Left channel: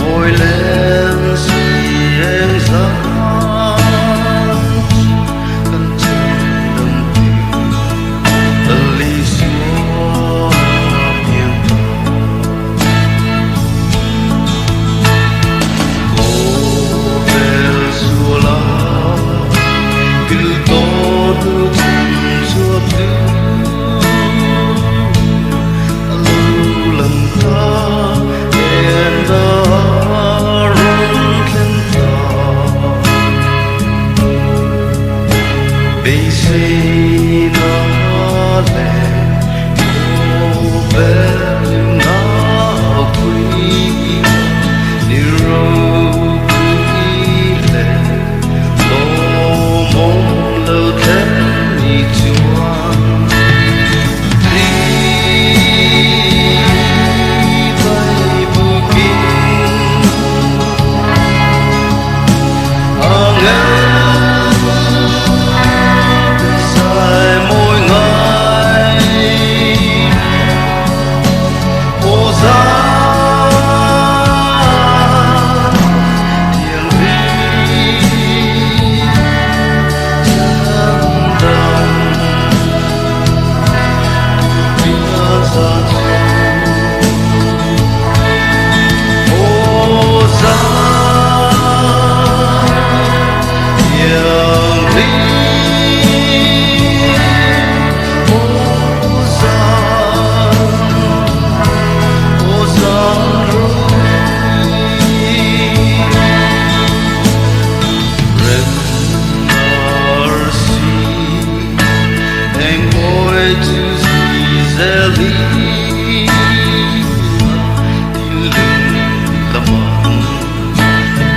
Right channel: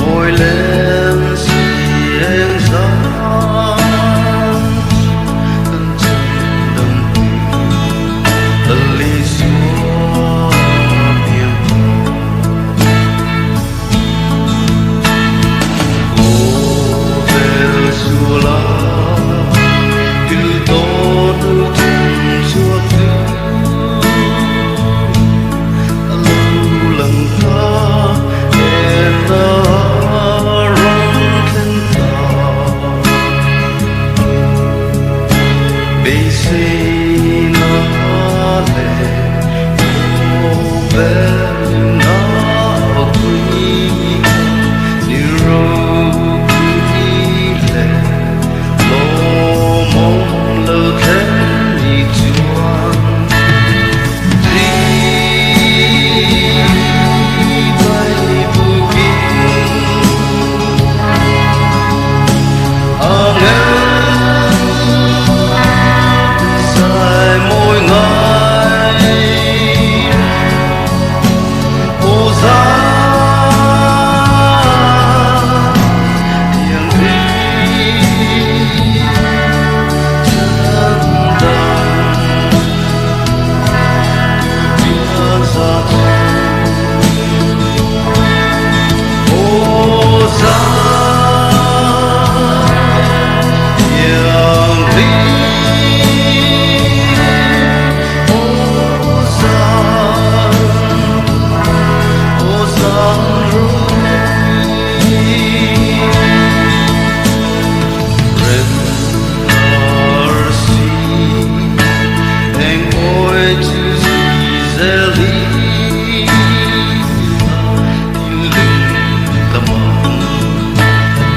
Môi lên xiên gió cân chân đồng tình tần ly xua biên cô về xua la cứ tốt thân xua cứ lâu lầm ta and the bị si nó lệ cô bé nhưng nó quý như râu quý lệ lô mong lâu thế như chuan đi bay bù kinh nghe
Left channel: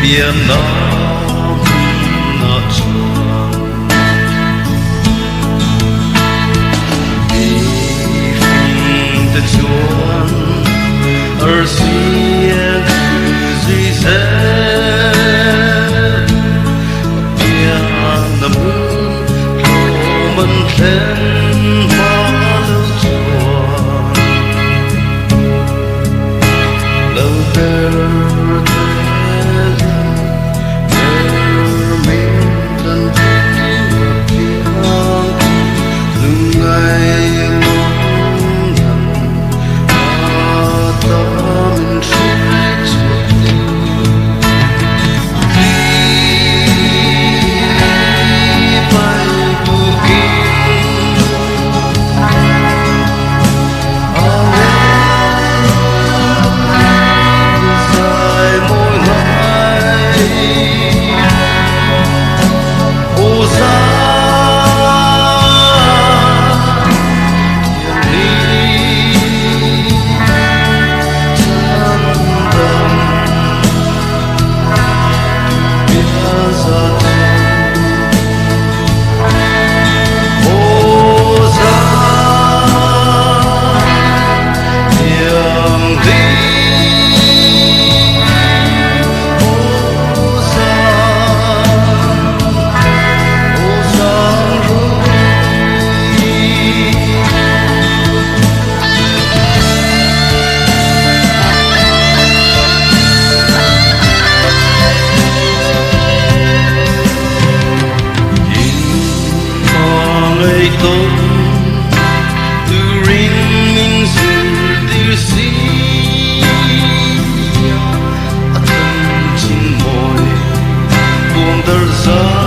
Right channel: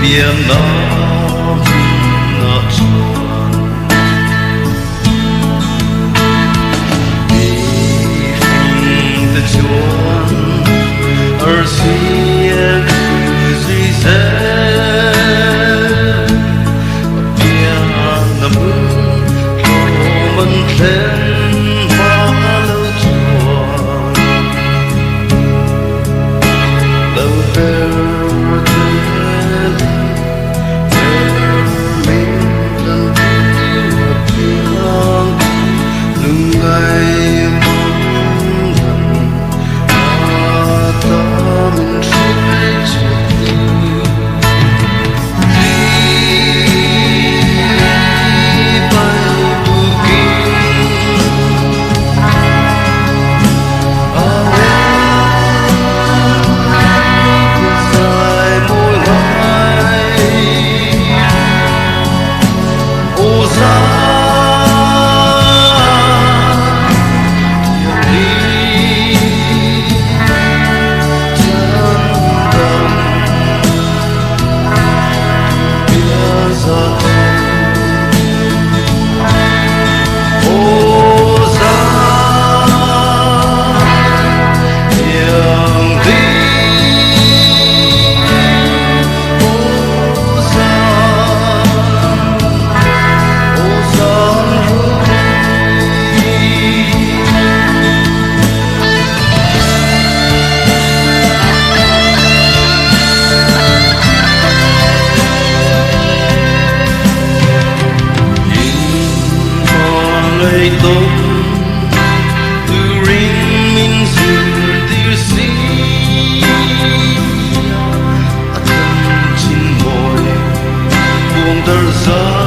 biển nó chuan vì phim ta chuan ở xuyên duy dễ biển nằm thô mình thêm hoa lâu chuan lâu bờ tôm từ ring mình dù từ xí chân chín môi buông tơ gió